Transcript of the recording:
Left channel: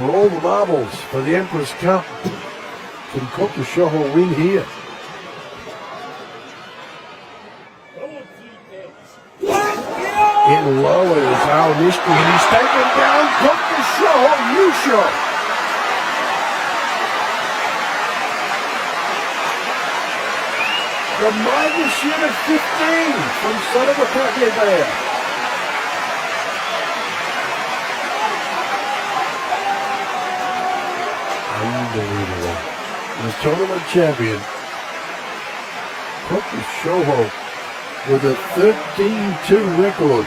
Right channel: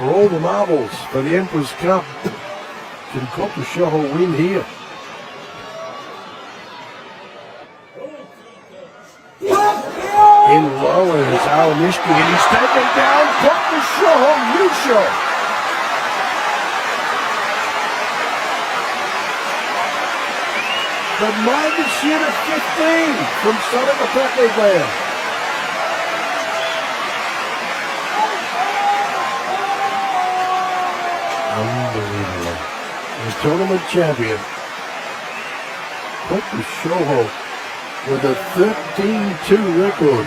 for all the marbles for the Emperor's Cup. Can Kotosho win here? In low, and it's Onishiki, and he's taken down. Kotosho, new shot. The -15 from Southern Punjab there. Unbelievable. The tournament champion, Kotosho, with a 13-2 record.